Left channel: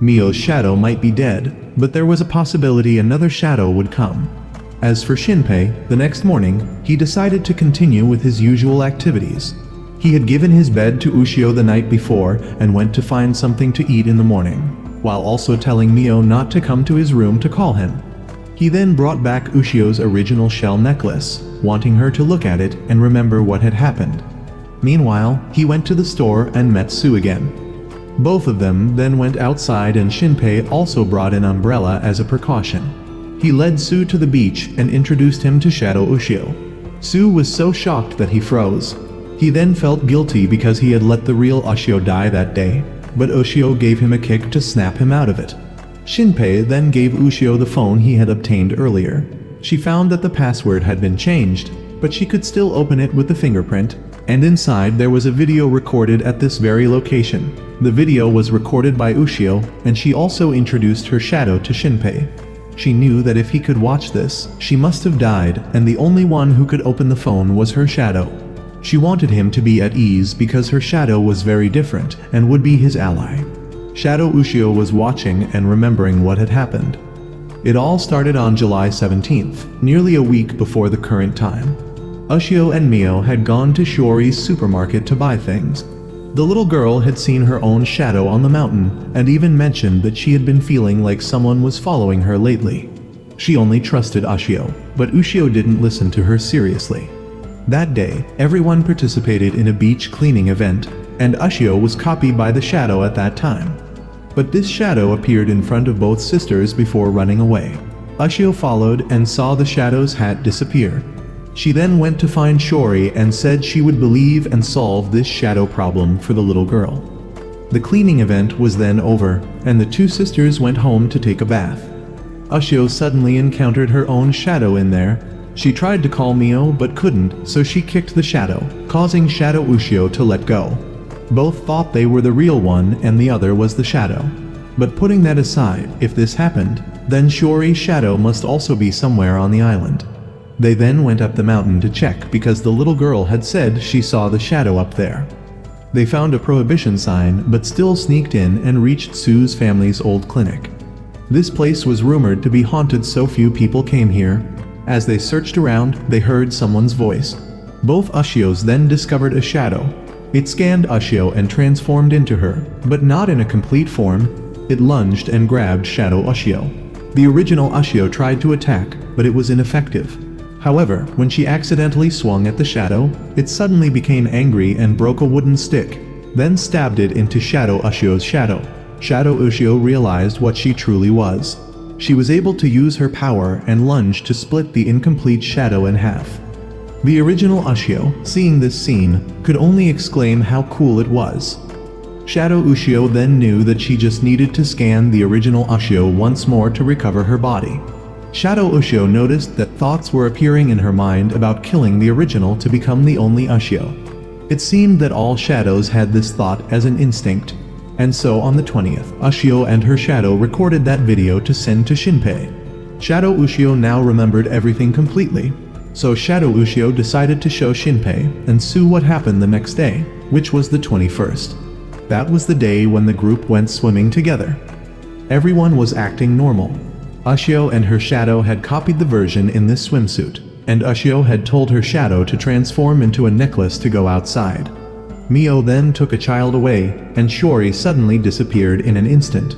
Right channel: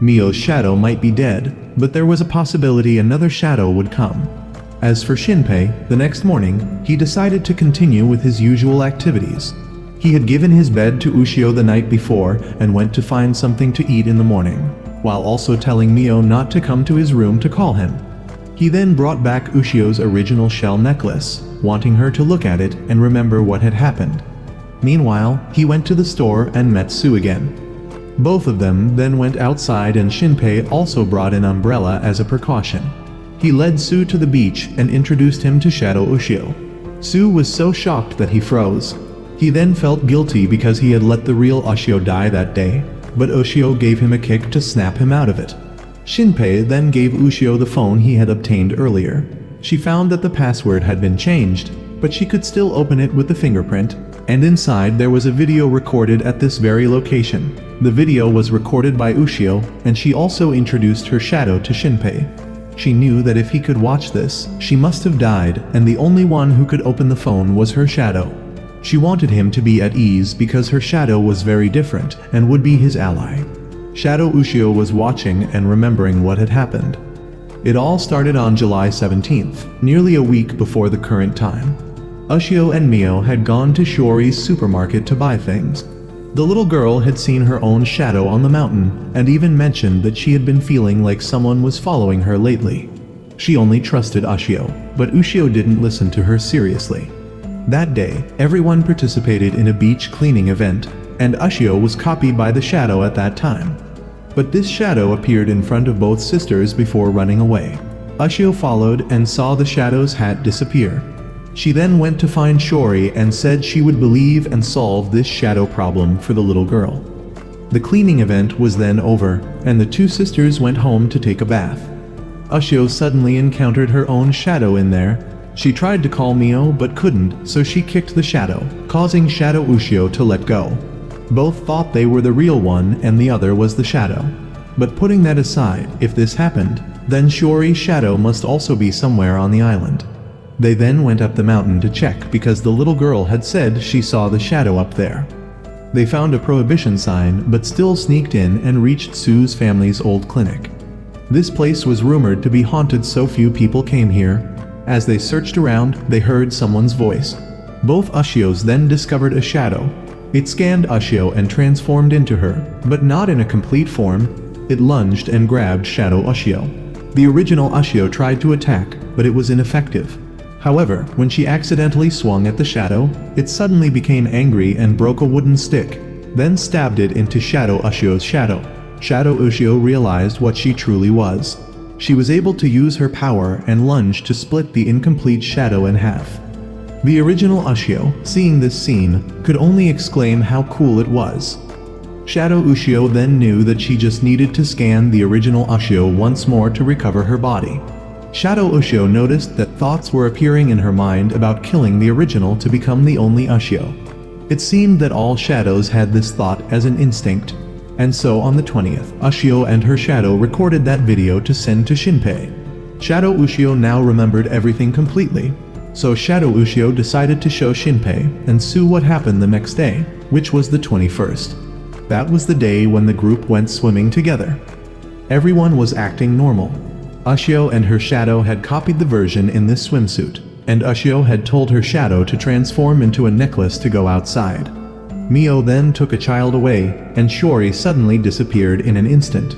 Mio's shadow might be dead, but there was a possibility another shadow would come. As for Shinpei, the next morning, he decided to continue with his usual activities. He had given his bed to Ushio the night before and went to find something to eat in the morning, while also telling Mio not to come to his room to call him. He then brought back Ushio's original shell necklace, wanting her to look at it and remember what had happened. Meanwhile, he went to the store and met Sue again. Both of them then went outside and Shinpei also brought an umbrella as a precaution. He led Sue to the beach and introduced him to Shadow Ushio. Sue was so shocked that he froze. He then felt guilty because he had let the real Ushio die that day, but Ushio gave him a kick to snap him out of it. Shinpei then gave Ushio the phone he had obtained earlier. She found that the password had been changed, but she could still open it with the fingerprint, and inside there was a video recorded at this very location. The video was recorded by Ushio, and she also introduced her shadow to Shinpei. She knew that if he could watch this, she must have died, and the only one who could open the phone was her shadow. She wanted him to be at ease because her shadow was very different and would be his ally. Shadow Ushio was watching and remembering what had happened. It all started on July 17th, nearly a week before the current time. Ushio and Mio had gone to Shiori's supermarket to buy things. The little girl had seen her own shadow on the mountain and even mentioned that she had been feeling like someone was following her lately. She only trusted Ushio, but Ushio didn't listen to her seriously. That day, everyone participated in a beach cleaning event, and Ushio was copied by the shadow at that time. But this shadow appeared in front of both sisters before running away. Ushio followed and saw the shadow's hat disappear. She then went to find Shiori and said she would believe and solve this shadow problem for the little girl. The cleaning event was then over, and the two sisters went home to take a bath. Ushio suddenly encountered her own shadow in there. She tried to call Mio but couldn't, so she kicked the shadow, causing Shadow Ushio to let go. Both thought they were the real one and the other was the shadow. But putting that aside, if this happened, then Shiori's shadow must also be somewhere on the island. They then went up the mountain to check because the little girl had said she saw the shadow up there. They found a prohibition sign but still sneaked in and reached Sue's family's old clinic. This place was rumored to be haunted, so few people came here. As they searched around, they heard someone's voice. Both Ushios then discovered a shadow. It scanned Ushio and transformed into her, but not in a complete form. It lunged and grabbed Shadow Ushio. The original Ushio tried to attack, but it was ineffective. However, when she accidentally swung at the shadow, it suddenly became angry and broke a wooden stick, then stabbed it into Shadow Ushio's shadow. Shadow Ushio realized what she truly was. She was able to use her power and lunge to split the incomplete shadow in half. The original Ushio, seeing this scene, could only exclaim how cool it was. Shadow Ushio then knew that she just needed to scan the original Ushio once more to recover her body. Shadow Ushio noticed that thoughts were appearing in her mind about killing the original to become the only Ushio. It seemed that all shadows had this thought as an instinct. And so on the 20th, Ushio and her shadow recorded that video to send to Shinpei. Shadow Ushio now remembered everything completely. So Shadow Ushio decided to show Shinpei and Sue what happened the next day, which was the 21st. That was the day when the group went swimming together. Everyone was acting normal. Ushio and her shadow had copied the version in this swimsuit, and Ushio had told her shadow to transform into a necklace to go outside. Mio then took a child away, and Shiori suddenly disappeared in an instant.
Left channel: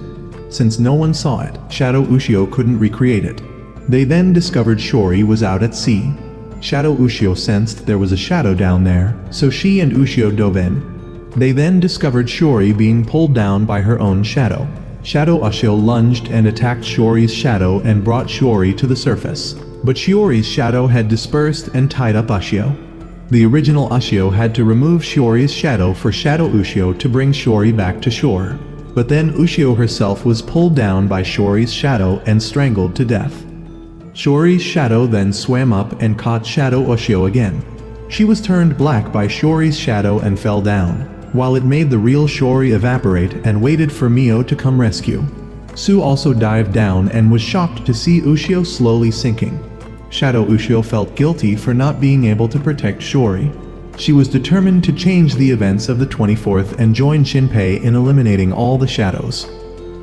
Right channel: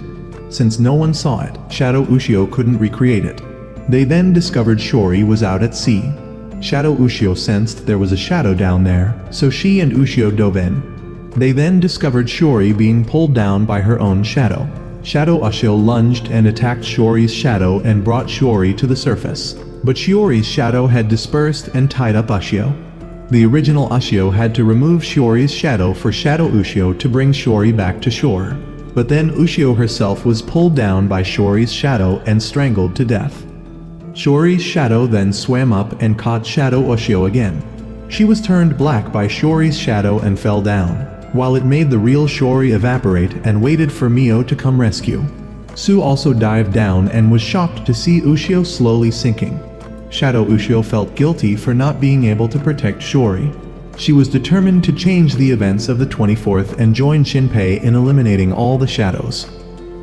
Since no one saw it, Shadow Ushio couldn't recreate it. They then discovered Shiori was out at sea. Shadow Ushio sensed there was a shadow down there, so she and Ushio dove in. They then discovered Shiori being pulled down by her own shadow. Shadow Ushio lunged and attacked Shiori's shadow and brought Shiori to the surface. But Shiori's shadow had dispersed and tied up Ushio. The original Ushio had to remove Shiori's shadow for Shadow Ushio to bring Shiori back to shore. But then Ushio herself was pulled down by Shiori's shadow and strangled to death. Shiori's shadow then swam up and caught Shadow Ushio again. She was turned black by Shiori's shadow and fell down, while it made the real Shiori evaporate and waited for Mio to come rescue. Sue also dived down and was shocked to see Ushio slowly sinking. Shadow Ushio felt guilty for not being able to protect Shiori. She was determined to change the events of the 24th and join Shinpei in eliminating all the shadows.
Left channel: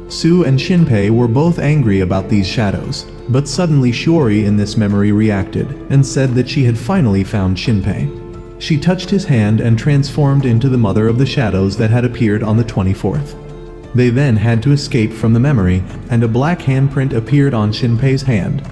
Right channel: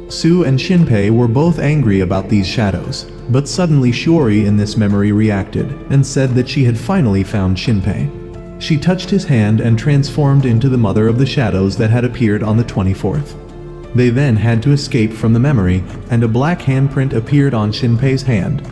Sue and Shinpei were both angry about these shadows, but suddenly Shiori in this memory reacted and said that she had finally found Shinpei. She touched his hand and transformed into the mother of the shadows that had appeared on the 24th. They then had to escape from the memory, and a black handprint appeared on Shinpei's hand.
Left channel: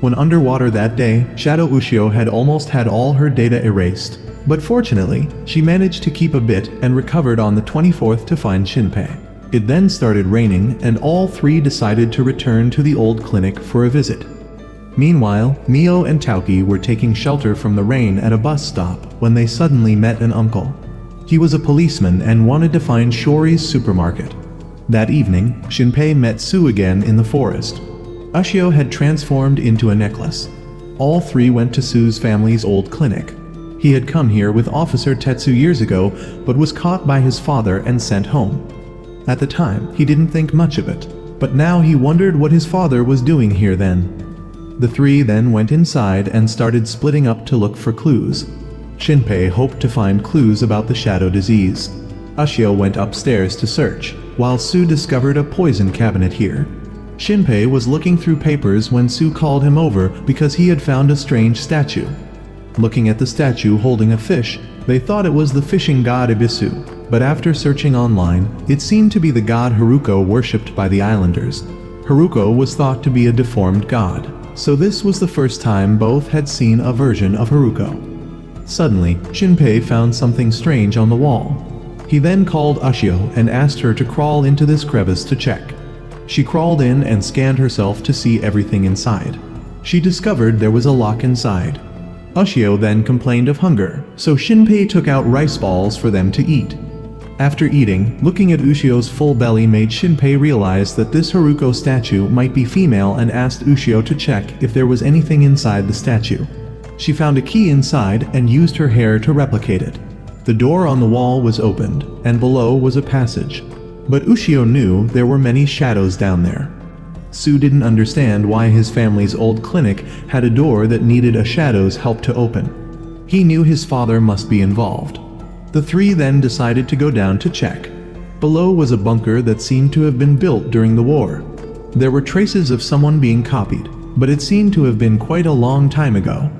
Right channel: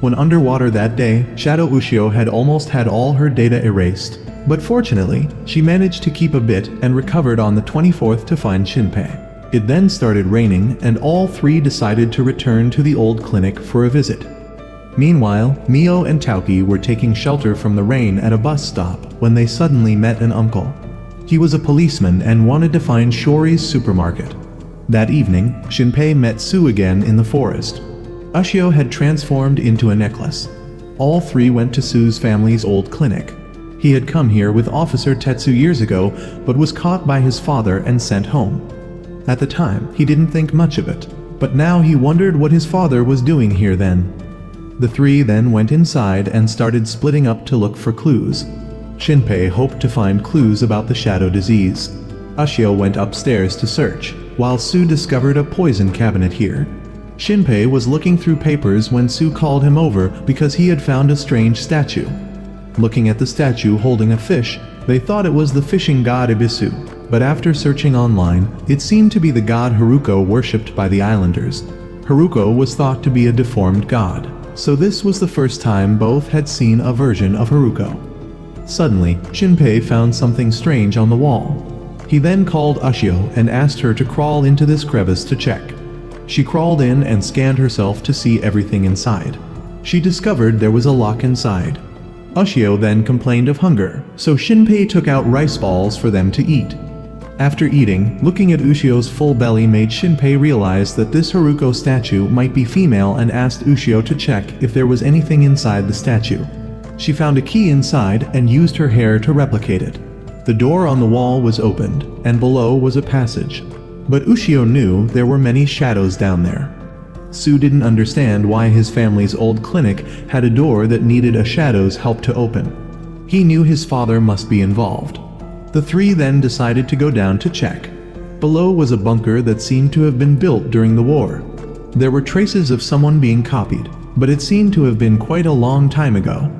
When underwater that day, Shadow Ushio had almost had all her data erased, but fortunately, she managed to keep a bit and recovered on the 24th to find Shinpei. It then started raining, and all three decided to return to the old clinic for a visit. Meanwhile, Mio and Tauki were taking shelter from the rain at a bus stop when they suddenly met an uncle. He was a policeman and wanted to find Shiori's supermarket. That evening, Shinpei met Sue again in the forest. Ushio had transformed into a necklace. All three went to Sue's family's old clinic. He had come here with Officer Tetsu years ago, but was caught by his father and sent home. At the time, he didn't think much of it, but now he wondered what his father was doing here then. The three then went inside and started splitting up to look for clues. Shinpei hoped to find clues about the shadow disease. Ushio went upstairs to search, while Sue discovered a poison cabinet here. Shinpei was looking through papers when Sue called him over because he had found a strange statue. Looking at the statue holding a fish, they thought it was the fishing god Ibisu. But after searching online, it seemed to be the god Haruko worshipped by the islanders. Haruko was thought to be a deformed god, so this was the first time both had seen a version of Haruko. Suddenly, Shinpei found something strange on the wall. He then called Ushio and asked her to crawl into this crevice to check. She crawled in and scanned herself to see everything inside. She discovered there was a lock inside. Ushio then complained of hunger, so Shinpei took out rice balls for them to eat. After eating, looking at Ushio's full belly made Shinpei realize that this Haruko statue might be female and asked Ushio to check if there was anything inside the statue. She found a key inside and used her hair to replicate it. The door on the wall was opened, and below was a passage. But Ushio knew there were many shadows down there. Sue didn't understand why his family's old clinic had a door that needed a shadow's help to open. He knew his father must be involved. The three then decided to go down to check. Below was a bunker that seemed to have been built during the war. There were traces of someone being copied, but it seemed to have been quite a long time ago.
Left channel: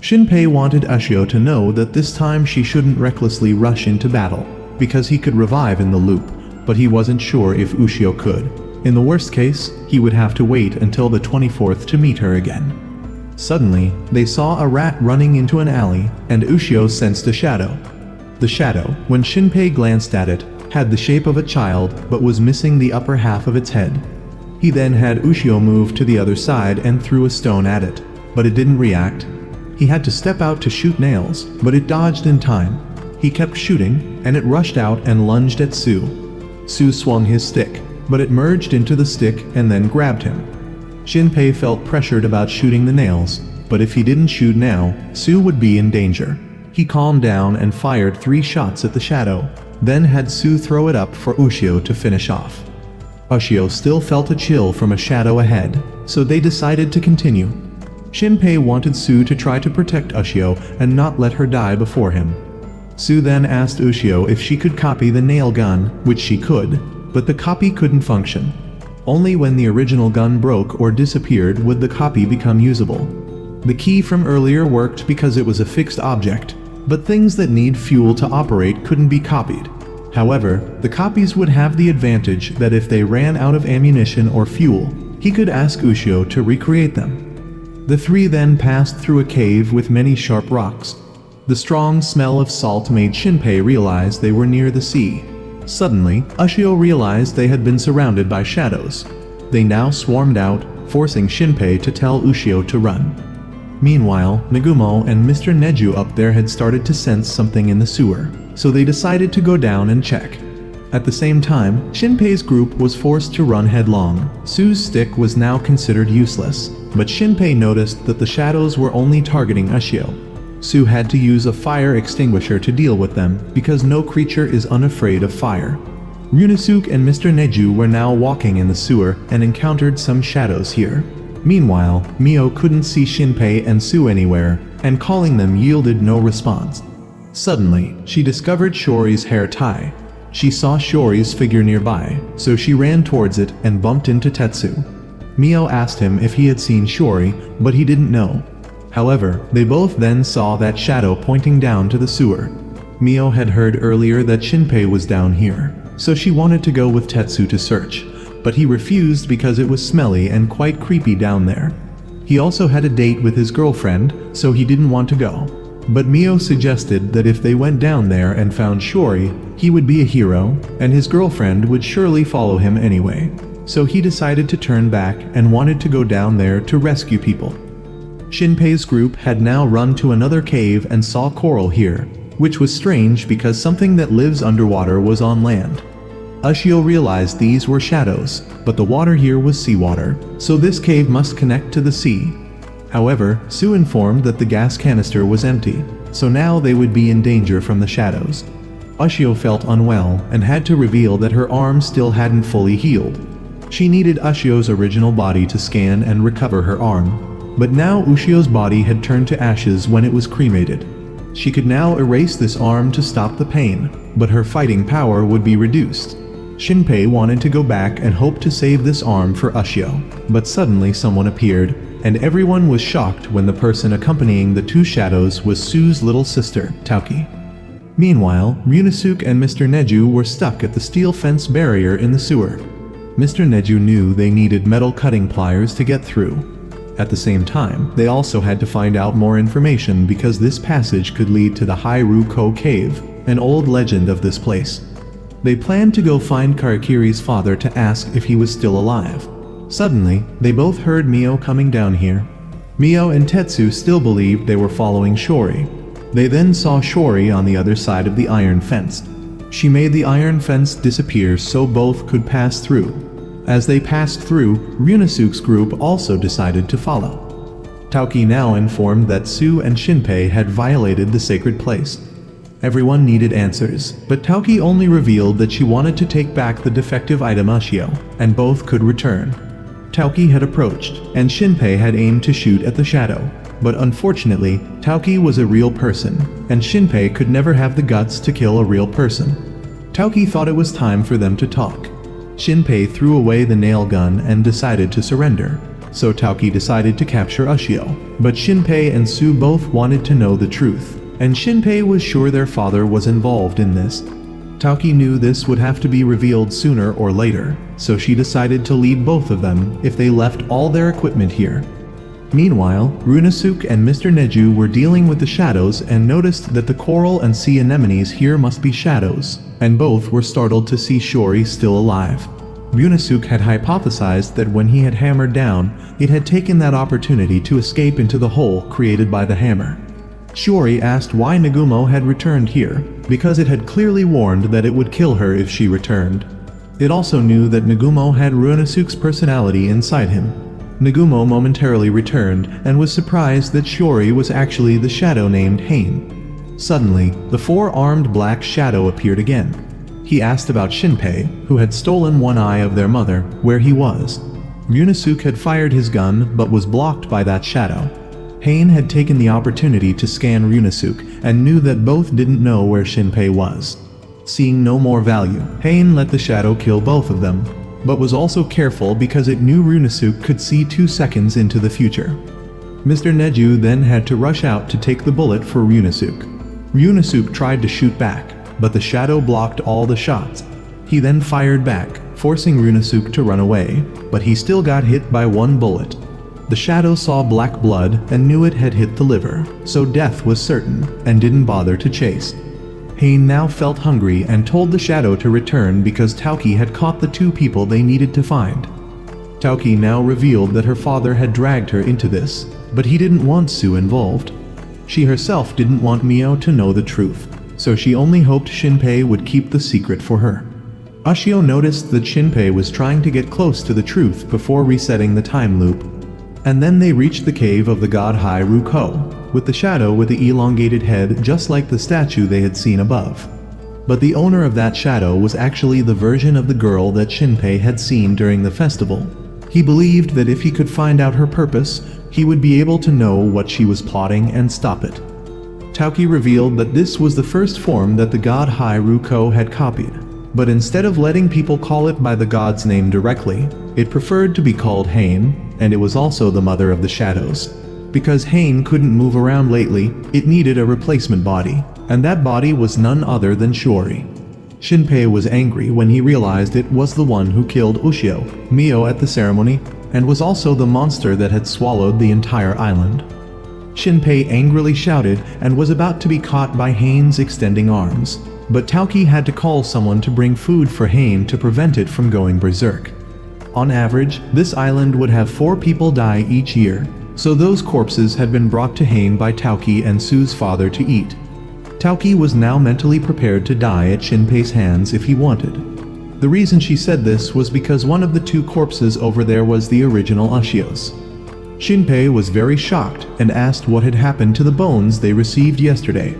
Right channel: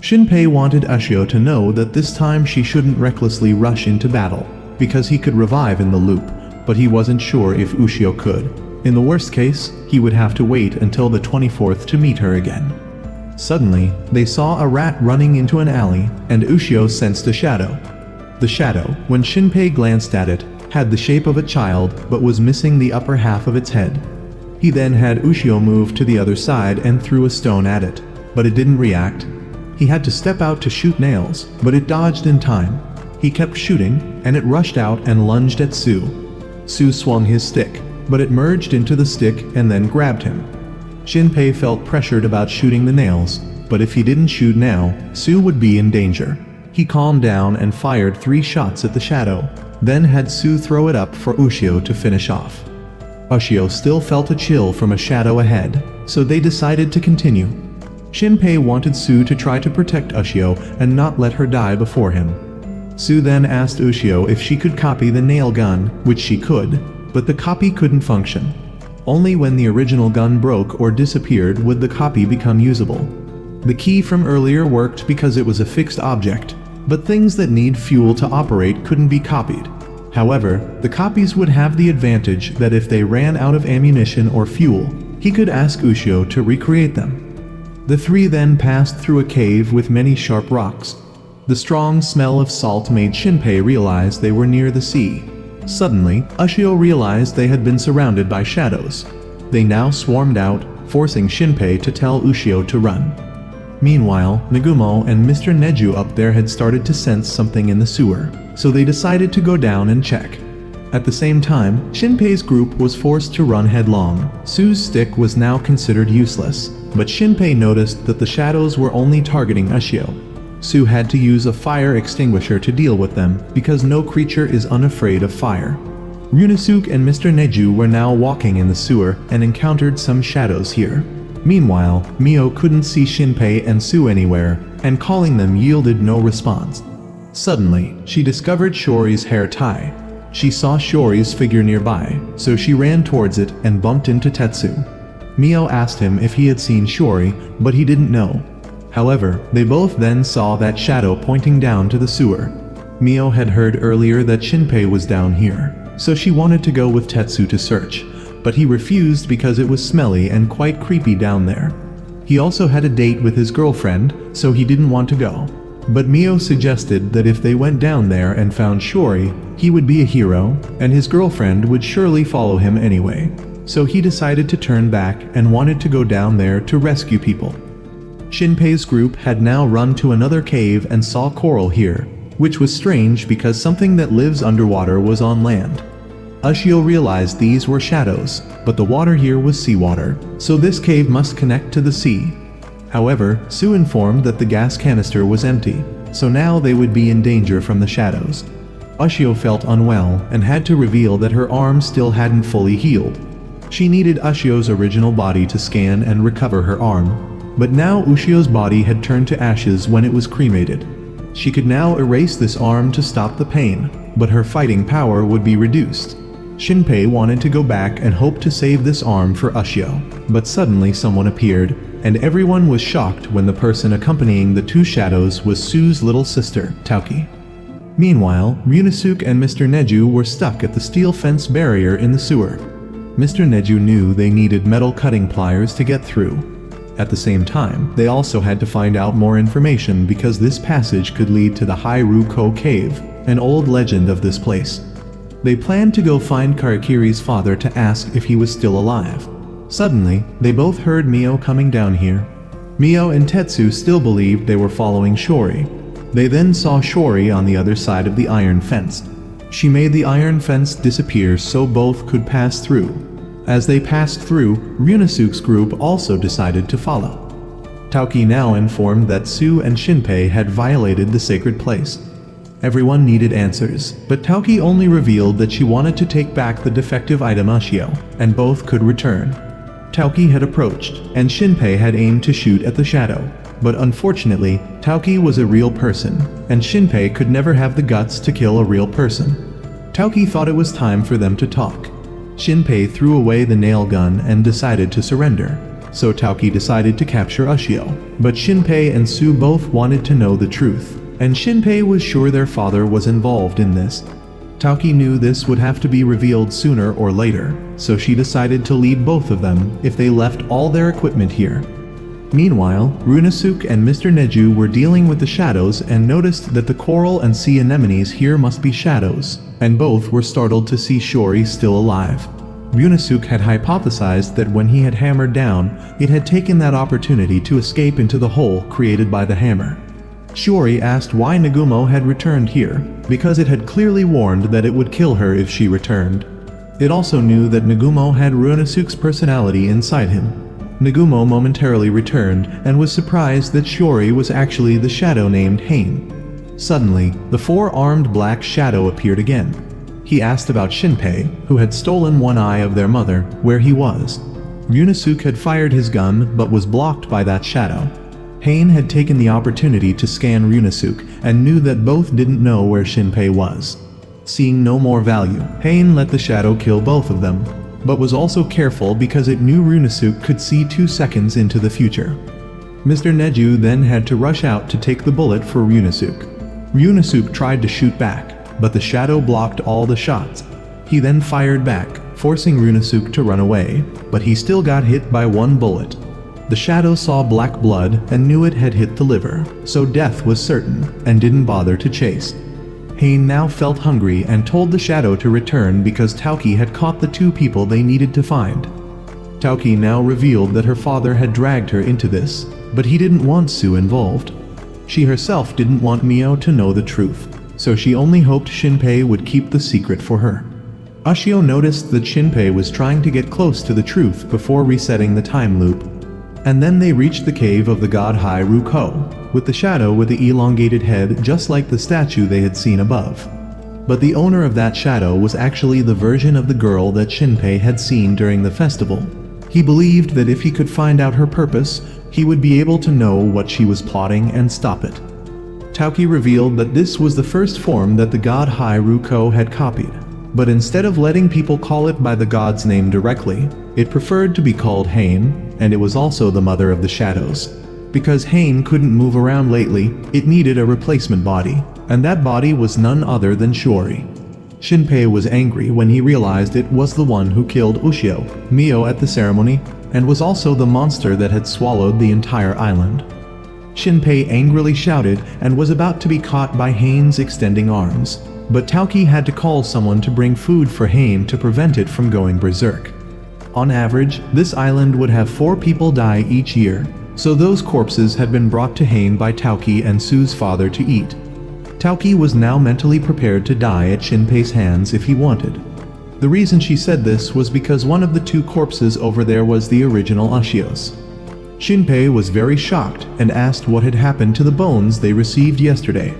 Shinpei wanted Ushio to know that this time she shouldn't recklessly rush into battle, because he could revive in the loop, but he wasn't sure if Ushio could. In the worst case, he would have to wait until the 24th to meet her again. Suddenly, they saw a rat running into an alley, and Ushio sensed a shadow. The shadow, when Shinpei glanced at it, had the shape of a child but was missing the upper half of its head. He then had Ushio move to the other side and threw a stone at it, but it didn't react. He had to step out to shoot nails, but it dodged in time. He kept shooting, and it rushed out and lunged at Sue. Sue swung his stick, but it merged into the stick and then grabbed him. Shinpei felt pressured about shooting the nails, but if he didn't shoot now, Sue would be in danger. He calmed down and fired 3 shots at the shadow, then had Sue throw it up for Ushio to finish off. Ushio still felt a chill from a shadow ahead, so they decided to continue. Shinpei wanted Sue to try to protect Ushio and not let her die before him. Sue then asked Ushio if she could copy the nail gun, which she could, but the copy couldn't function. Only when the original gun broke or disappeared would the copy become usable. The key from earlier worked because it was a fixed object, but things that need fuel to operate couldn't be copied. However, the copies would have the advantage that if they ran out of ammunition or fuel, he could ask Ushio to recreate them. The three then passed through a cave with many sharp rocks. The strong smell of salt made Shinpei realize they were near the sea. Suddenly, Ushio realized they had been surrounded by shadows. They now swarmed out, forcing Shinpei to tell Ushio to run. Meanwhile, Megumo and Mr. Neju up there had started to sense something in the sewer, so they decided to go down and check. At the same time, Shinpei's group was forced to run headlong. Sue's stick was now considered useless, but Shinpei noticed that the shadows were only targeting Ushio. Sue had to use a fire extinguisher to deal with them, because no creature is unafraid of fire. Ryunosuke and Mr. Neju were now walking in the sewer and encountered some shadows here. Meanwhile, Mio couldn't see Shinpei and Sue anywhere, and calling them yielded no response. Suddenly, she discovered Shiori's hair tie. She saw Shiori's figure nearby, so she ran towards it and bumped into Tetsu. Mio asked him if he had seen Shiori, but he didn't know. However, they both then saw that shadow pointing down to the sewer. Mio had heard earlier that Shinpei was down here, so she wanted to go with Tetsu to search, but he refused because it was smelly and quite creepy down there. He also had a date with his girlfriend, so he didn't want to go. But Mio suggested that if they went down there and found Shiori, he would be a hero, and his girlfriend would surely follow him anyway. So he decided to turn back and wanted to go down there to rescue people. Shinpei's group had now run to another cave and saw coral here, which was strange because something that lives underwater was on land. Ushio realized these were shadows, but the water here was seawater, so this cave must connect to the sea. However, Sue informed that the gas canister was empty, so now they would be in danger from the shadows. Ushio felt unwell and had to reveal that her arm still hadn't fully healed. She needed Ushio's original body to scan and recover her arm, but now Ushio's body had turned to ashes when it was cremated. She could now erase this arm to stop the pain, but her fighting power would be reduced. Shinpei wanted to go back and hope to save this arm for Ushio, but suddenly someone appeared, and everyone was shocked when the person accompanying the two shadows was Sue's little sister, Tauki. Meanwhile, Ryunosuke and Mr. Neju were stuck at the steel fence barrier in the sewer. Mr. Neju knew they needed metal cutting pliers to get through. At the same time, they also had to find out more information because this passage could lead to the Hairuko Cave, an old legend of this place. They planned to go find Karakiri's father to ask if he was still alive. Suddenly, they both heard Mio coming down here. Mio and Tetsu still believed they were following Shiori. They then saw Shiori on the other side of the iron fence. She made the iron fence disappear so both could pass through. As they passed through, Ryunosuke's group also decided to follow. Tauki now informed that Sue and Shinpei had violated the sacred place. Everyone needed answers, but Tauki only revealed that she wanted to take back the defective item Ushio, and both could return. Tauki had approached, and Shinpei had aimed to shoot at the shadow. But unfortunately, Tauki was a real person, and Shinpei could never have the guts to kill a real person. Tauki thought it was time for them to talk. Shinpei threw away the nail gun and decided to surrender, so Tauki decided to capture Ushio. But Shinpei and Sue both wanted to know the truth, and Shinpei was sure their father was involved in this. Tauki knew this would have to be revealed sooner or later, so she decided to leave both of them if they left all their equipment here. Meanwhile, Ryunosuke and Mr. Neju were dealing with the shadows and noticed that the coral and sea anemones here must be shadows, and both were startled to see Shiori still alive. Ryunosuke had hypothesized that when he had hammered down, it had taken that opportunity to escape into the hole created by the hammer. Shiori asked why Nagumo had returned here, because it had clearly warned that it would kill her if she returned. It also knew that Nagumo had Ryunosuke's personality inside him. Nagumo momentarily returned and was surprised that Shiori was actually the shadow named Hain. Suddenly, the four-armed black shadow appeared again. He asked about Shinpei, who had stolen one eye of their mother, where he was. Ryunosuke had fired his gun but was blocked by that shadow. Hain had taken the opportunity to scan Ryunosuke and knew that both didn't know where Shinpei was. Seeing no more value, Hain let the shadow kill both of them, but was also careful because it knew Ryunosuke could see 2 seconds into the future. Mr. Neju then had to rush out to take the bullet for Ryunosuke. Ryunosuke tried to shoot back, but the shadow blocked all the shots. He then fired back, forcing Ryunosuke to run away, but he still got hit by 1 bullet. The shadow saw black blood and knew it had hit the liver, so death was certain and didn't bother to chase. Hain now felt hungry and told the shadow to return because Tauki had caught the 2 people they needed to find. Tauki now revealed that her father had dragged her into this, but he didn't want Sue involved. She herself didn't want Mio to know the truth, so she only hoped Shinpei would keep the secret for her. Ushio noticed that Shinpei was trying to get close to the truth before resetting the time loop. And then they reached the cave of the god Hairuko, with the shadow with the elongated head just like the statue they had seen above. But the owner of that shadow was actually the version of the girl that Shinpei had seen during the festival. He believed that if he could find out her purpose, he would be able to know what she was plotting and stop it. Tauki revealed that this was the first form that the god Hairuko had copied, but instead of letting people call it by the god's name directly, it preferred to be called Hain, and it was also the mother of the shadows. Because Hain couldn't move around lately, it needed a replacement body, and that body was none other than Shiori. Shinpei was angry when he realized it was the one who killed Ushio, Mio at the ceremony, and was also the monster that had swallowed the entire island. Shinpei angrily shouted and was about to be caught by Hain's extending arms, but Tauki had to call someone to bring food for Hain to prevent it from going berserk. On average, this island would have 4 people die each year, so those corpses had been brought to Hain by Tauki and Sue's father to eat. Tauki was now mentally prepared to die at Shinpei's hands if he wanted. The reason she said this was because one of the 2 corpses over there was the original Ushio's. Shinpei was very shocked and asked what had happened to the bones they received yesterday.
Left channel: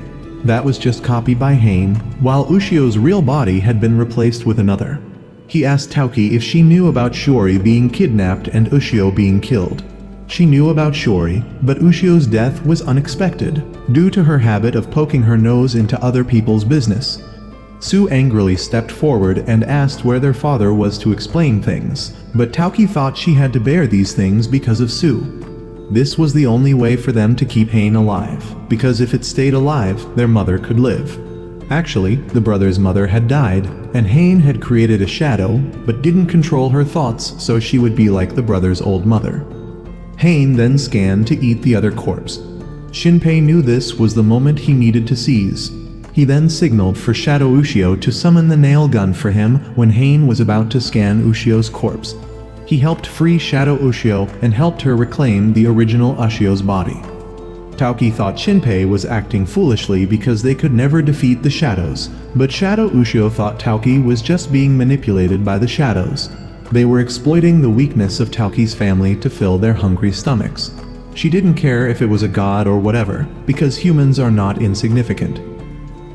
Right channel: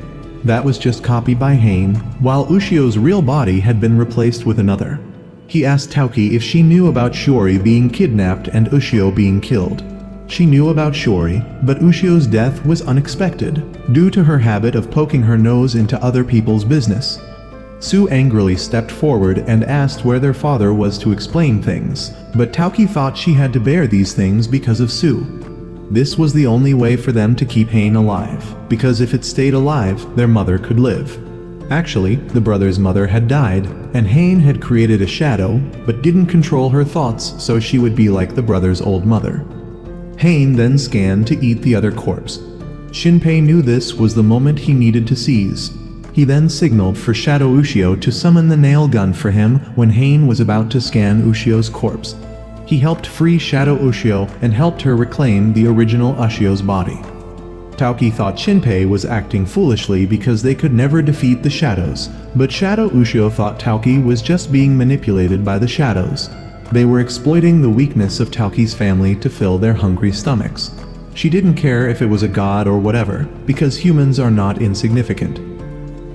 That was just copied by Hain, while Ushio's real body had been replaced with another. He asked Tauki if she knew about Shiori being kidnapped and Ushio being killed. She knew about Shiori, but Ushio's death was unexpected, due to her habit of poking her nose into other people's business. Sue angrily stepped forward and asked where their father was to explain things, but Tauki thought she had to bear these things because of Sue. This was the only way for them to keep Hain alive, because if it stayed alive, their mother could live. Actually, the brother's mother had died, and Hain had created a shadow, but didn't control her thoughts so she would be like the brother's old mother. Hain then scanned to eat the other corpse. Shinpei knew this was the moment he needed to seize. He then signaled for Shadow Ushio to summon the nail gun for him when Hain was about to scan Ushio's corpse. He helped free Shadow Ushio and helped her reclaim the original Ushio's body. Tauki thought Shinpei was acting foolishly because they could never defeat the shadows, but Shadow Ushio thought Tauki was just being manipulated by the shadows. They were exploiting the weakness of Tauki's family to fill their hungry stomachs. She didn't care if it was a god or whatever, because humans are not insignificant.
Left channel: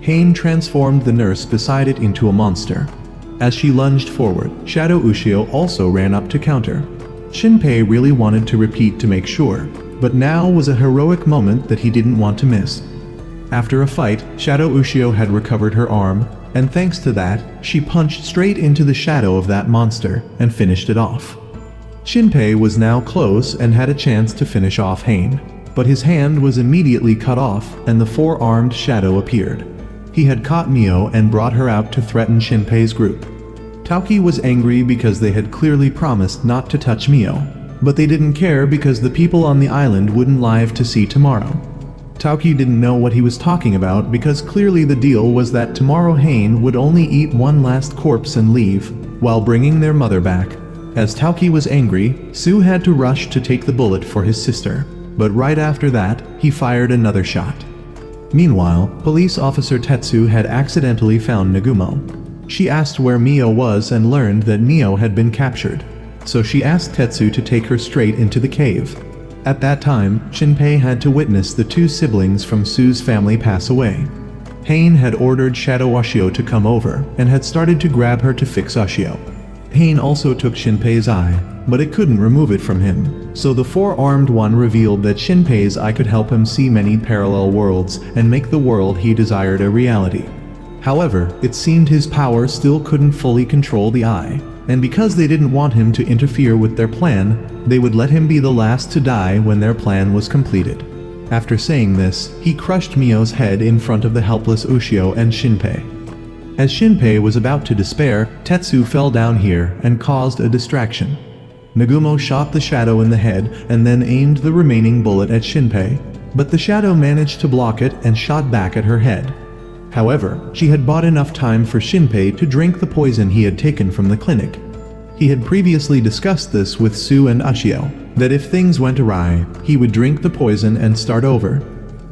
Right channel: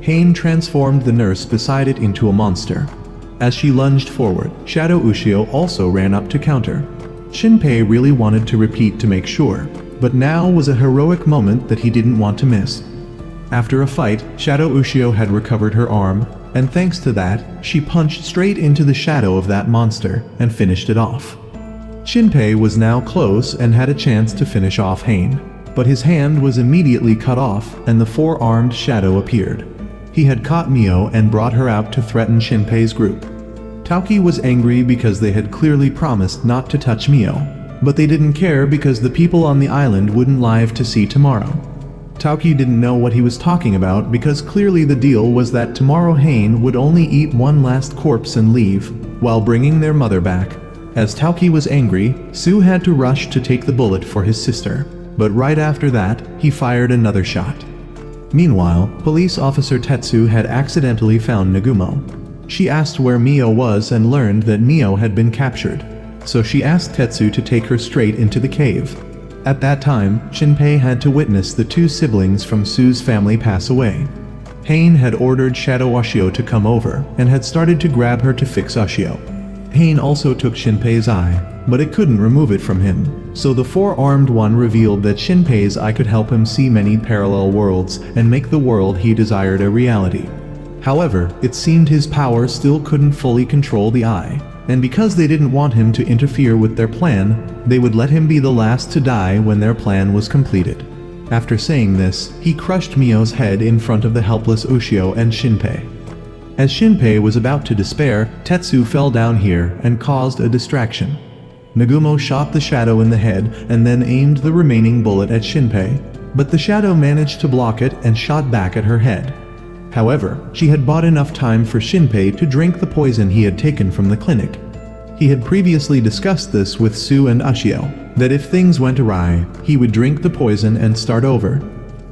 Hain transformed the nurse beside it into a monster. As she lunged forward, Shadow Ushio also ran up to counter. Shinpei really wanted to repeat to make sure, but now was a heroic moment that he didn't want to miss. After a fight, Shadow Ushio had recovered her arm, and thanks to that, she punched straight into the shadow of that monster and finished it off. Shinpei was now close and had a chance to finish off Hain, but his hand was immediately cut off and the 4-armed shadow appeared. He had caught Mio and brought her out to threaten Shinpei's group. Tauki was angry because they had clearly promised not to touch Mio, but they didn't care because the people on the island wouldn't live to see tomorrow. Tauki didn't know what he was talking about because clearly the deal was that tomorrow Hain would only eat one last corpse and leave, while bringing their mother back. As Tauki was angry, Sue had to rush to take the bullet for his sister, but right after that, he fired another shot. Meanwhile, police officer Tetsu had accidentally found Nagumo. She asked where Mio was and learned that Mio had been captured, so she asked Tetsu to take her straight into the cave. At that time, Shinpei had to witness the 2 siblings from Sue's family pass away. Hain had ordered Shadow Ushio to come over and had started to grab her to fix Ushio. Hain also took Shinpei's eye, but it couldn't remove it from him, so the 4-armed one revealed that Shinpei's eye could help him see many parallel worlds and make the world he desired a reality. However, it seemed his power still couldn't fully control the eye, and because they didn't want him to interfere with their plan, they would let him be the last to die when their plan was completed. After saying this, he crushed Mio's head in front of the helpless Ushio and Shinpei. As Shinpei was about to despair, Tetsu fell down here and caused a distraction. Nagumo shot the shadow in the head and then aimed the remaining bullet at Shinpei, but the shadow managed to block it and shot back at her head. However, she had bought enough time for Shinpei to drink the poison he had taken from the clinic. He had previously discussed this with Sue and Ushio, that if things went awry, he would drink the poison and start over.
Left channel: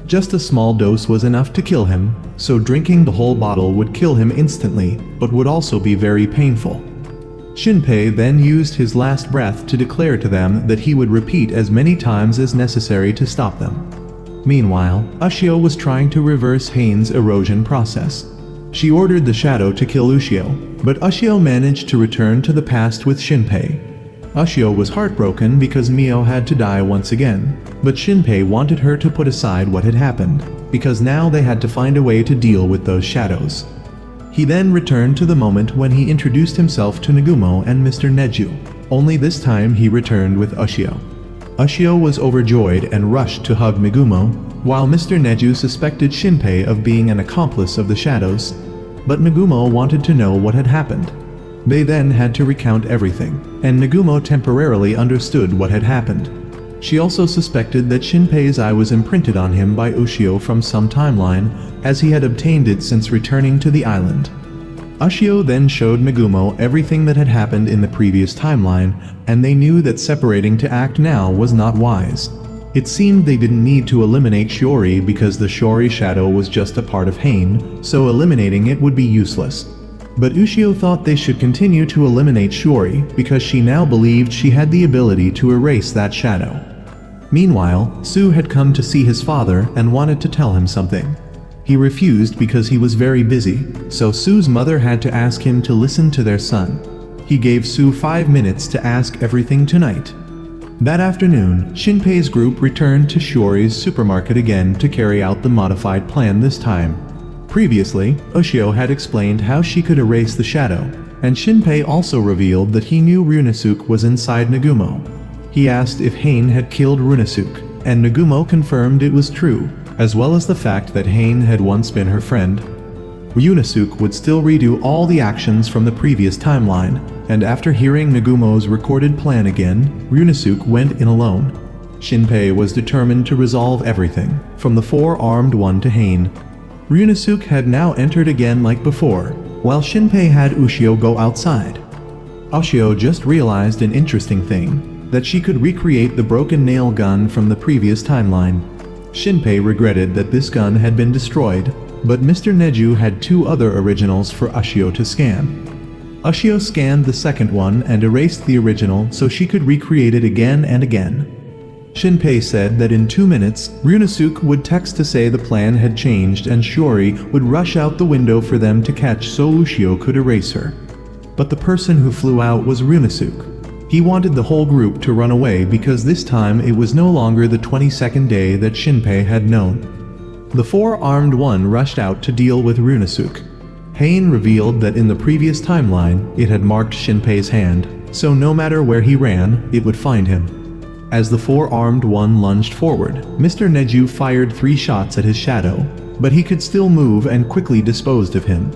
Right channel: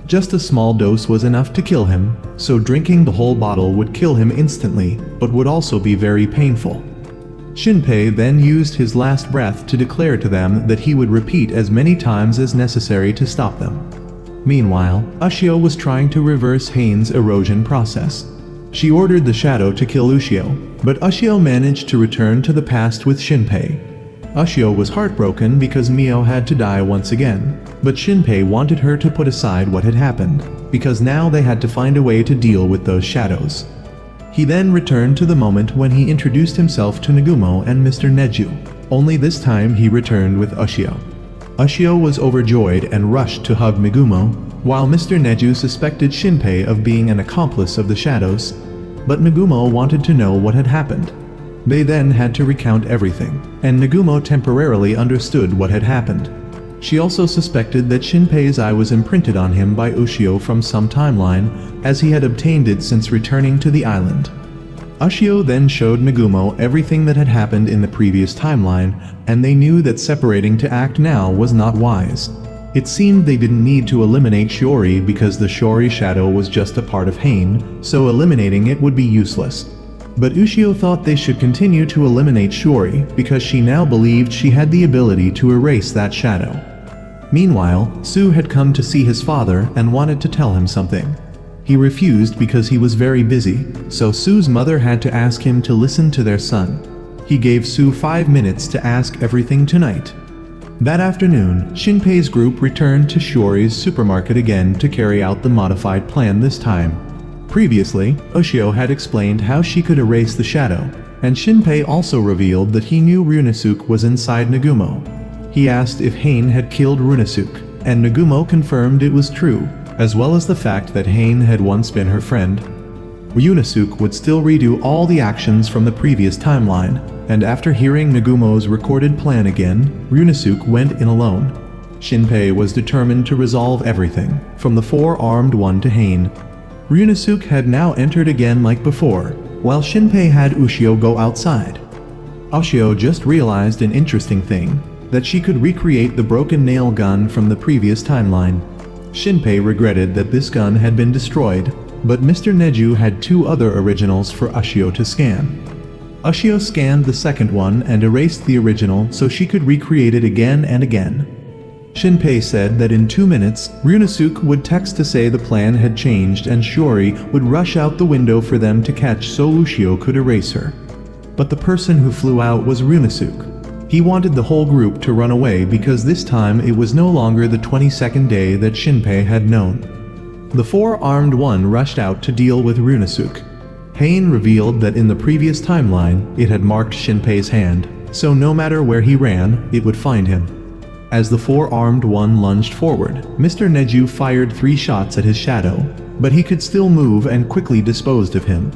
Just a small dose was enough to kill him, so drinking the whole bottle would kill him instantly, but would also be very painful. Shinpei then used his last breath to declare to them that he would repeat as many times as necessary to stop them. Meanwhile, Ushio was trying to reverse Hain's erosion process. She ordered the shadow to kill Ushio, but Ushio managed to return to the past with Shinpei. Ushio was heartbroken because Mio had to die once again, but Shinpei wanted her to put aside what had happened, because now they had to find a way to deal with those shadows. He then returned to the moment when he introduced himself to Nagumo and Mr. Neju, only this time he returned with Ushio. Ushio was overjoyed and rushed to hug Nagumo, while Mr. Neju suspected Shinpei of being an accomplice of the shadows, but Nagumo wanted to know what had happened. They then had to recount everything, and Nagumo temporarily understood what had happened. She also suspected that Shinpei's eye was imprinted on him by Ushio from some timeline, as he had obtained it since returning to the island. Ushio then showed Nagumo everything that had happened in the previous timeline, and they knew that separating to act now was not wise. It seemed they didn't need to eliminate Shiori because the Shiori shadow was just a part of Hain, so eliminating it would be useless. But Ushio thought they should continue to eliminate Shiori because she now believed she had the ability to erase that shadow. Meanwhile, Su had come to see his father and wanted to tell him something. He refused because he was very busy, so Su's mother had to ask him to listen to their son. He gave Su 5 minutes to ask everything tonight. That afternoon, Shinpei's group returned to Shiori's supermarket again to carry out the modified plan this time. Previously, Ushio had explained how she could erase the shadow, and Shinpei also revealed that he knew Runesuke was inside Nagumo. He asked if Hain had killed Runesuke, and Nagumo confirmed it was true, as well as the fact that Hain had once been her friend. Runesuke would still redo all the actions from the previous timeline, and after hearing Nagumo's recorded plan again, Runesuke went in alone. Shinpei was determined to resolve everything, from the four-armed one to Hain. Runesuke had now entered again like before, while Shinpei had Ushio go outside. Ushio just realized an interesting thing, that she could recreate the broken nail gun from the previous timeline. Shinpei regretted that this gun had been destroyed, but Mr. Neju had 2 other originals for Ushio to scan. Ushio scanned the second one and erased the original so she could recreate it again and again. Shinpei said that in 2 minutes, Runesuke would text to say the plan had changed and Shiori would rush out the window for them to catch so Ushio could erase her. But the person who flew out was Runesuke. He wanted the whole group to run away because this time it was no longer the 22nd day that Shinpei had known. The four-armed one rushed out to deal with Runesuke. Hain revealed that in the previous timeline, it had marked Shinpei's hand, so no matter where he ran, it would find him. As the four-armed one lunged forward, Mr. Neju fired 3 shots at his shadow, but he could still move and quickly disposed of him.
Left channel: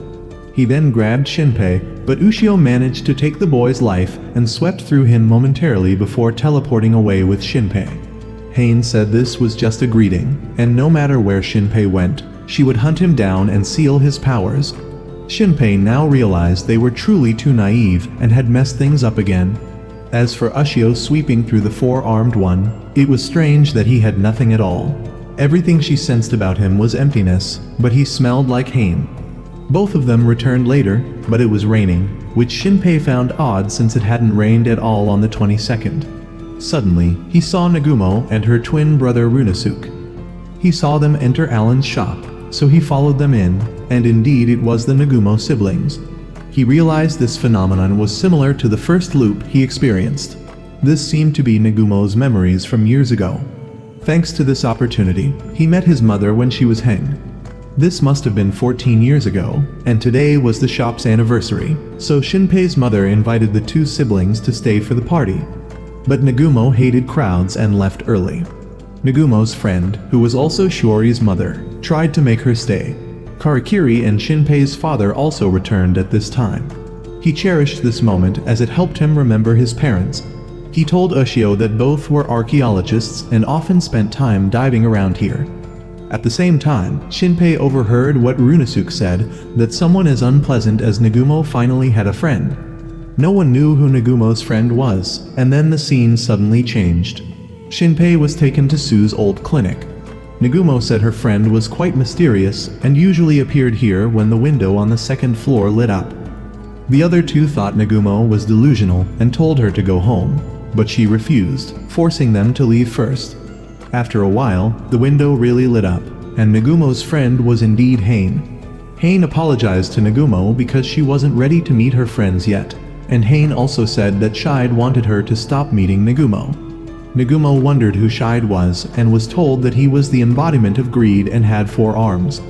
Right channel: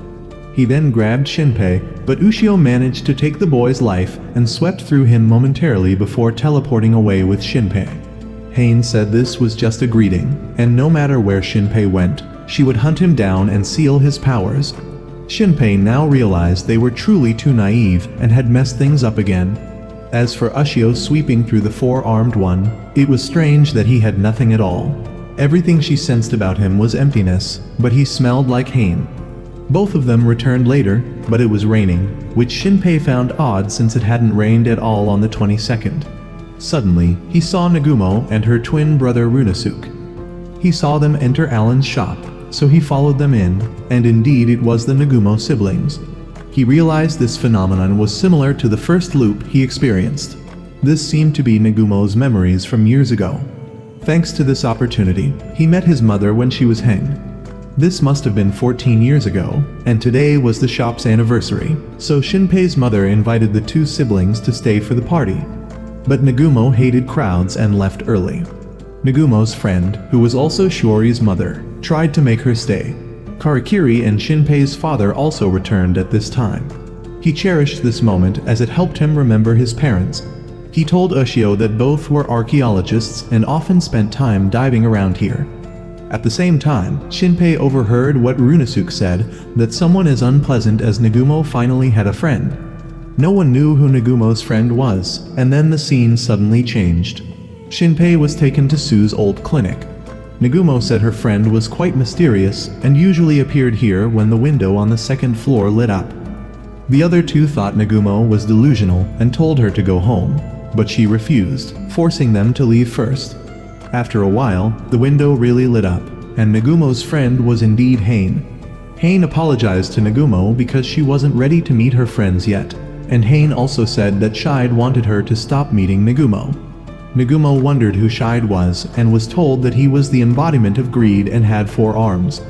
He then grabbed Shinpei, but Ushio managed to take the boy's life and swept through him momentarily before teleporting away with Shinpei. Hain said this was just a greeting, and no matter where Shinpei went, she would hunt him down and seal his powers. Shinpei now realized they were truly too naive and had messed things up again. As for Ushio sweeping through the four-armed one, it was strange that he had nothing at all. Everything she sensed about him was emptiness, but he smelled like Hain. Both of them returned later, but it was raining, which Shinpei found odd since it hadn't rained at all on the 22nd. Suddenly, he saw Nagumo and her twin brother Runesuke. He saw them enter Alan's shop, so he followed them in, and indeed it was the Nagumo siblings. He realized this phenomenon was similar to the first loop he experienced. This seemed to be Nagumo's memories from years ago. Thanks to this opportunity, he met his mother when she was hanged. This must have been 14 years ago, and today was the shop's anniversary, so Shinpei's mother invited the 2 siblings to stay for the party. But Nagumo hated crowds and left early. Nagumo's friend, who was also Shiori's mother, tried to make her stay. Karakiri and Shinpei's father also returned at this time. He cherished this moment as it helped him remember his parents. He told Ushio that both were archaeologists and often spent time diving around here. At the same time, Shinpei overheard what Runesuke said, that someone as unpleasant as Nagumo finally had a friend. No one knew who Nagumo's friend was, and then the scene suddenly changed. Shinpei was taken to Su's old clinic. Nagumo said her friend was quite mysterious and usually appeared here when the window on the 2nd floor lit up. The other 2 thought Nagumo was delusional and told her to go home, but she refused, forcing them to leave first. After a while, the window really lit up, and Nagumo's friend was indeed Hain. Hain apologized to Nagumo because she wasn't ready to meet her friends yet, and Hain also said that Shide wanted her to stop meeting Nagumo. Nagumo wondered who Shide was, and was told that he was the embodiment of greed and had 4 arms.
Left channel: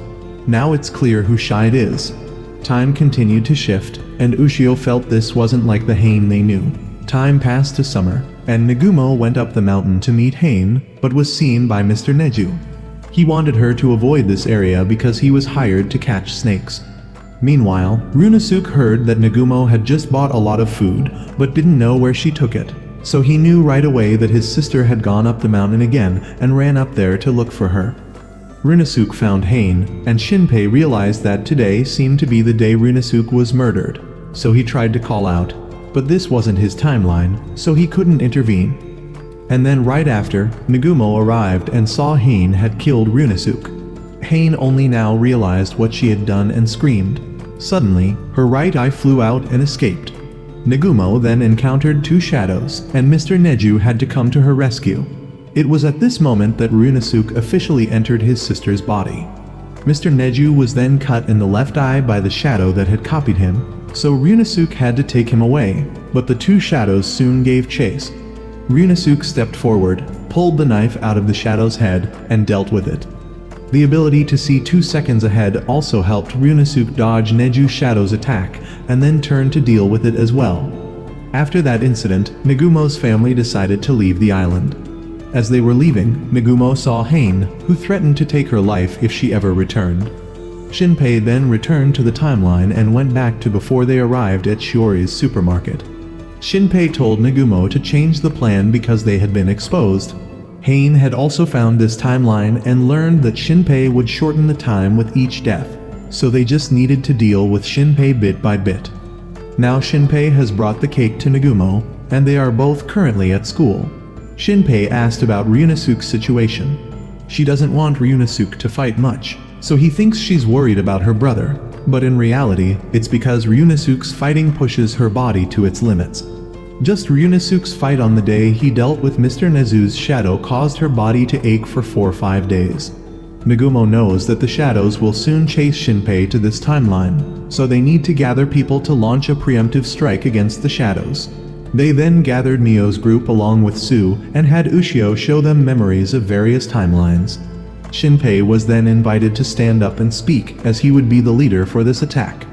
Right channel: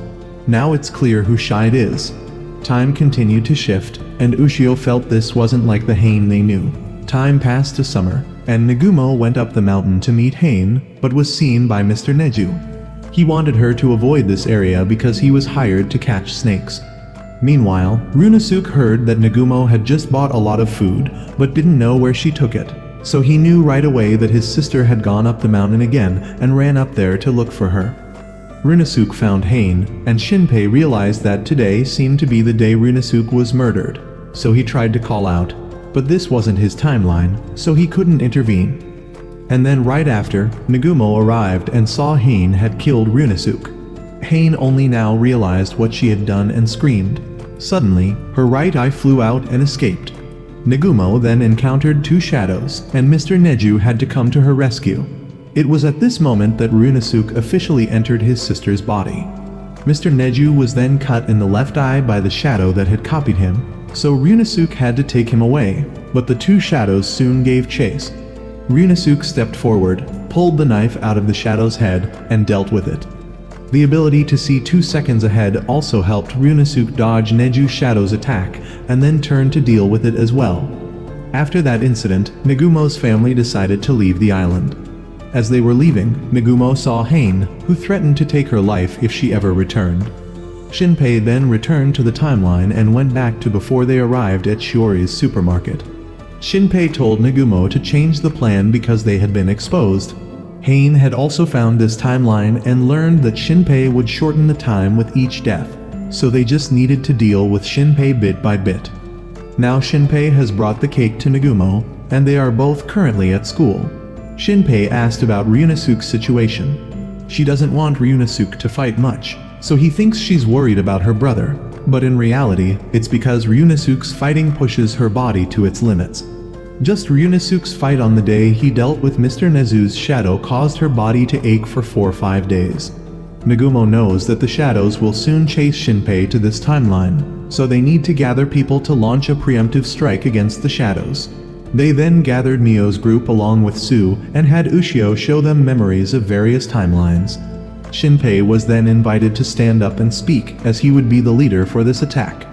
Now it's clear who Shide is. time continued to shift, and Ushio felt this wasn't like the Hain they knew. Time passed to summer, and Nagumo went up the mountain to meet Hain, but was seen by Mr. Neju. He wanted her to avoid this area because he was hired to catch snakes. Meanwhile, Runosuke heard that Nagumo had just bought a lot of food, but didn't know where she took it. So he knew right away that his sister had gone up the mountain again and ran up there to look for her. Runosuke found Hain, and Shinpei realized that today seemed to be the day Runosuke was murdered, so he tried to call out, but this wasn't his timeline, so he couldn't intervene. And then right after, Nagumo arrived and saw Hain had killed Runosuke. Hain only now realized what she had done and screamed. Suddenly, her right eye flew out and escaped. Nagumo then encountered two shadows, and Mr. Neju had to come to her rescue. It was at this moment that Runosuke officially entered his sister's body. Mr. Neju was then cut in the left eye by the shadow that had copied him, so Runosuke had to take him away, but the two shadows soon gave chase. Runosuke stepped forward, pulled the knife out of the shadow's head, and dealt with it. The ability to see 2 seconds ahead also helped Runosuke dodge Neju's shadow's attack, and then turn to deal with it as well. After that incident, Nagumo's family decided to leave the island. As they were leaving, Nagumo saw Hain, who threatened to take her life if she ever returned. Shinpei then returned to the timeline and went back to before they arrived at Shiori's supermarket. Shinpei told Nagumo to change the plan because they had been exposed. Hain had also found this timeline and learned that Shinpei would shorten the time with each death, so they just needed to deal with Shinpei bit by bit. Now Shinpei has brought the cake to Nagumo, and they are both currently at school. Shinpei asked about Runosuke's situation. She doesn't want Runosuke to fight much, so he thinks she's worried about her brother, but in reality, it's because Runosuke's fighting pushes her body to its limits. Just Runosuke's fight on the day he dealt with Mr. Nezu's shadow caused her body to ache for 4 or 5 days. Nagumo knows that the shadows will soon chase Shinpei to this timeline, so they need to gather people to launch a preemptive strike against the shadows. They then gathered Mio's group along with Sue and had Ushio show them memories of various timelines. Shinpei was then invited to stand up and speak, as he would be the leader for this attack.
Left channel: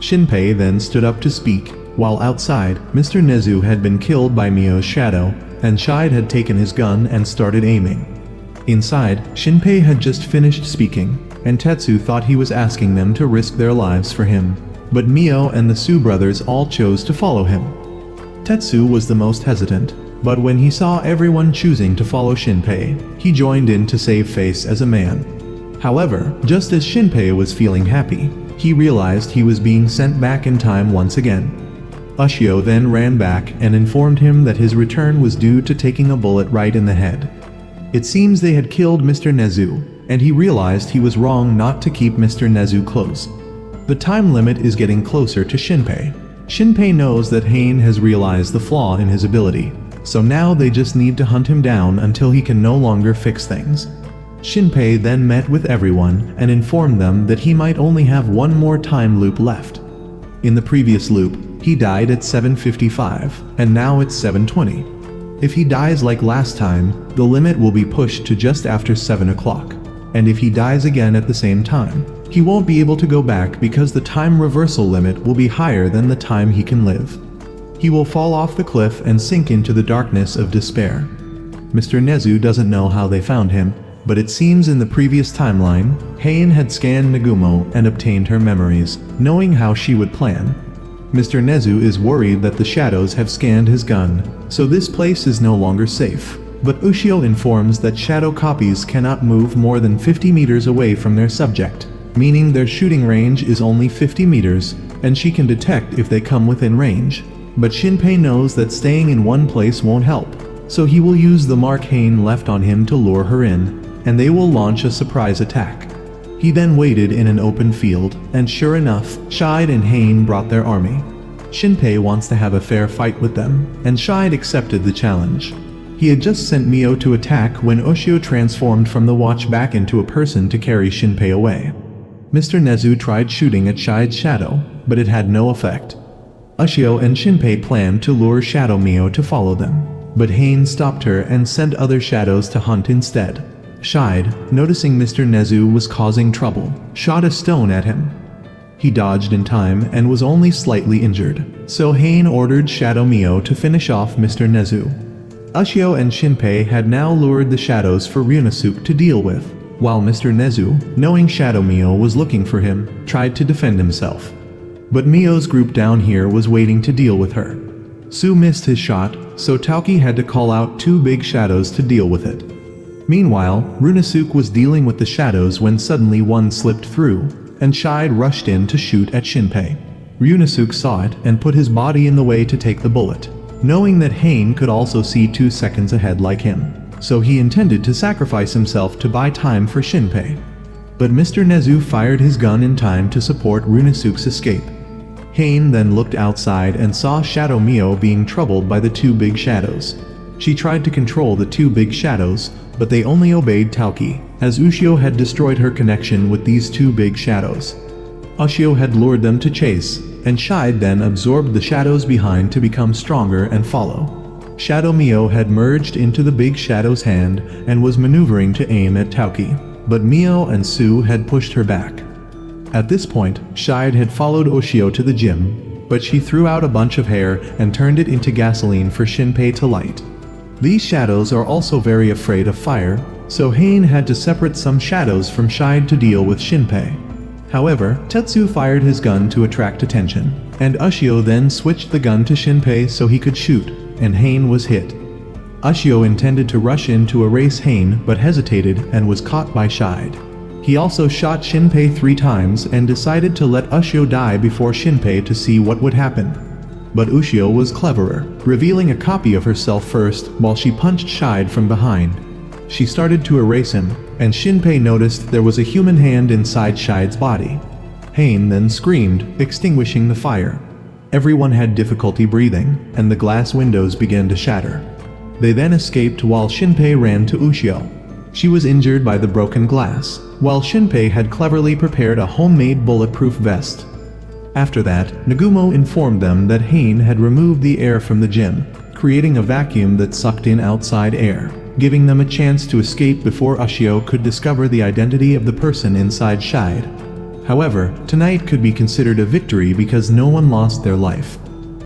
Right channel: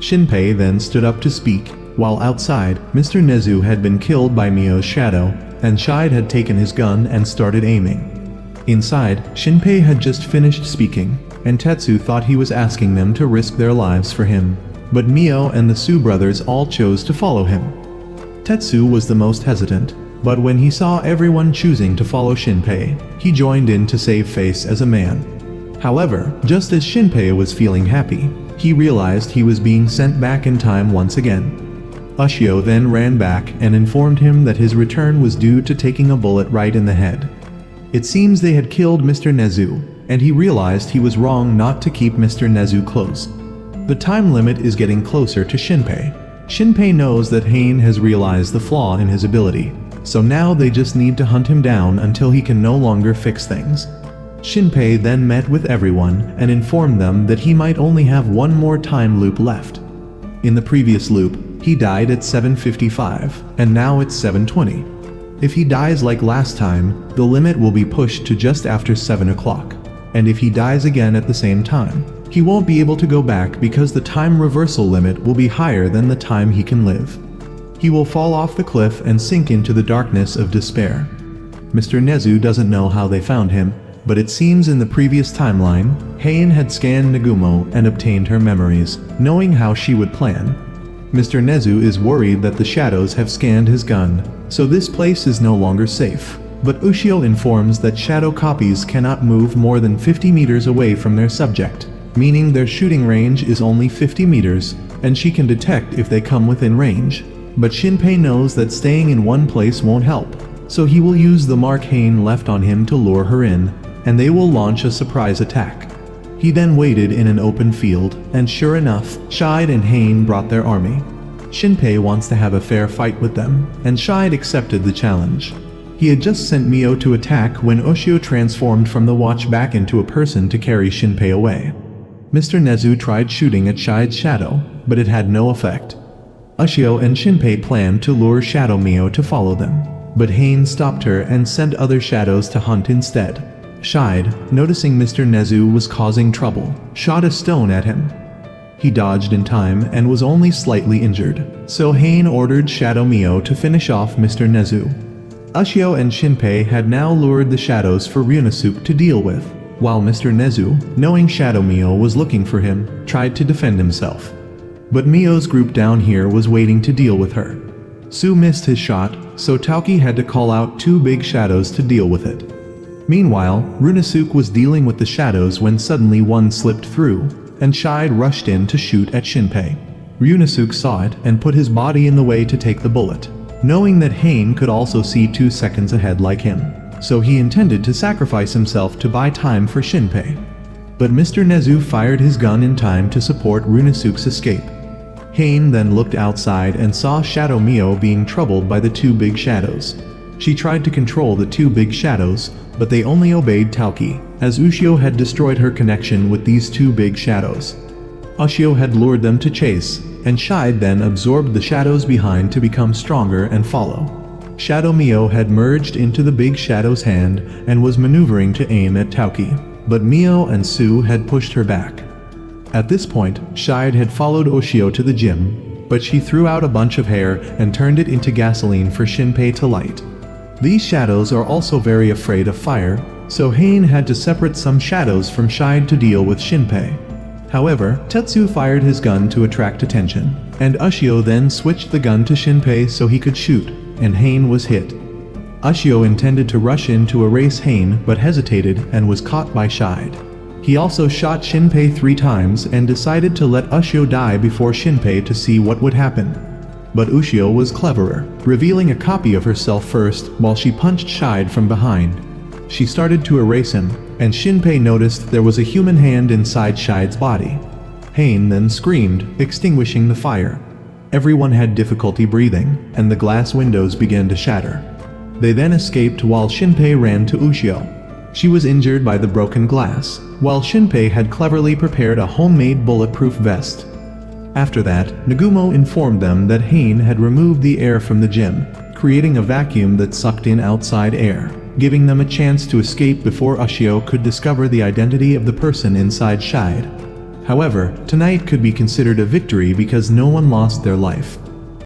Shinpei then stood up to speak, while outside, Mr. Nezu had been killed by Mio's shadow, and Shide had taken his gun and started aiming. Inside, Shinpei had just finished speaking, and Tetsu thought he was asking them to risk their lives for him, but Mio and the Sue brothers all chose to follow him. Tetsu was the most hesitant, but when he saw everyone choosing to follow Shinpei, he joined in to save face as a man. However, just as Shinpei was feeling happy, he realized he was being sent back in time once again. Ushio then ran back and informed him that his return was due to taking a bullet right in the head. It seems they had killed Mr. Nezu, and he realized he was wrong not to keep Mr. Nezu close. The time limit is getting closer to Shinpei. Shinpei knows that Hain has realized the flaw in his ability, so now they just need to hunt him down until he can no longer fix things. Shinpei then met with everyone and informed them that he might only have one more time loop left. In the previous loop, he died at 7:55, and now it's 7:20. If he dies like last time, the limit will be pushed to just after 7 o'clock, and if he dies again at the same time, he won't be able to go back because the time reversal limit will be higher than the time he can live. He will fall off the cliff and sink into the darkness of despair. Mr. Nezu doesn't know how they found him, but it seems in the previous timeline, Hain had scanned Nagumo and obtained her memories, knowing how she would plan. Mr. Nezu is worried that the shadows have scanned his gun, so this place is no longer safe. But Ushio informs that shadow copies cannot move more than 50 meters away from their subject, meaning their shooting range is only 50 meters, and she can detect if they come within range. But Shinpei knows that staying in one place won't help, so he will use the mark Hain left on him to lure her in, and they will launch a surprise attack. He then waited in an open field, and sure enough, Shide and Hain brought their army. Shinpei wants to have a fair fight with them, and Shide accepted the challenge. He had just sent Mio to attack when Ushio transformed from the watch back into a person to carry Shinpei away. Mr. Nezu tried shooting at Shide's shadow, but it had no effect. Ushio and Shinpei planned to lure Shadow Mio to follow them, but Hain stopped her and sent other shadows to hunt instead. Shide, noticing Mr. Nezu was causing trouble, shot a stone at him. He dodged in time and was only slightly injured, so Hain ordered Shadow Mio to finish off Mr. Nezu. Ushio and Shinpei had now lured the shadows for Ryunosuke to deal with, while Mr. Nezu, knowing Shadow Mio was looking for him, tried to defend himself. But Mio's group down here was waiting to deal with her. Su missed his shot, so Tauki had to call out 2 big shadows to deal with it. Meanwhile, Ryunosuke was dealing with the shadows when suddenly one slipped through, and Shide rushed in to shoot at Shinpei. Ryunosuke saw it and put his body in the way to take the bullet, knowing that Hain could also see 2 seconds ahead like him, so he intended to sacrifice himself to buy time for Shinpei. But Mr. Nezu fired his gun in time to support Ryunosuke's escape. Hain then looked outside and saw Shadow Mio being troubled by the 2 big shadows. She tried to control the 2 big shadows, but they only obeyed Tauki, as Ushio had destroyed her connection with these 2 big shadows. Ushio had lured them to chase, and Shide then absorbed the shadows behind to become stronger and follow. Shadow Mio had merged into the big shadow's hand and was maneuvering to aim at Tauki, but Mio and Su had pushed her back. At this point, Shide had followed Ushio to the gym, but she threw out a bunch of hair and turned it into gasoline for Shinpei to light. These shadows are also very afraid of fire, so Hain had to separate some shadows from Shide to deal with Shinpei. However, Tetsu fired his gun to attract attention, and Ushio then switched the gun to Shinpei so he could shoot, and Hain was hit. Ushio intended to rush in to erase Hain, but hesitated and was caught by Shide. He also shot Shinpei 3 times and decided to let Ushio die before Shinpei to see what would happen. But Ushio was cleverer, revealing a copy of herself first while she punched Shide from behind. She started to erase him, and Shinpei noticed there was a human hand inside Shide's body. Hain then screamed, extinguishing the fire. Everyone had difficulty breathing, and the glass windows began to shatter. They then escaped while Shinpei ran to Ushio. She was injured by the broken glass, while Shinpei had cleverly prepared a homemade bulletproof vest. After that, Nagumo informed them that Hain had removed the air from the gym, creating a vacuum that sucked in outside air, giving them a chance to escape before Ushio could discover the identity of the person inside Shide. However, tonight could be considered a victory because no one lost their life.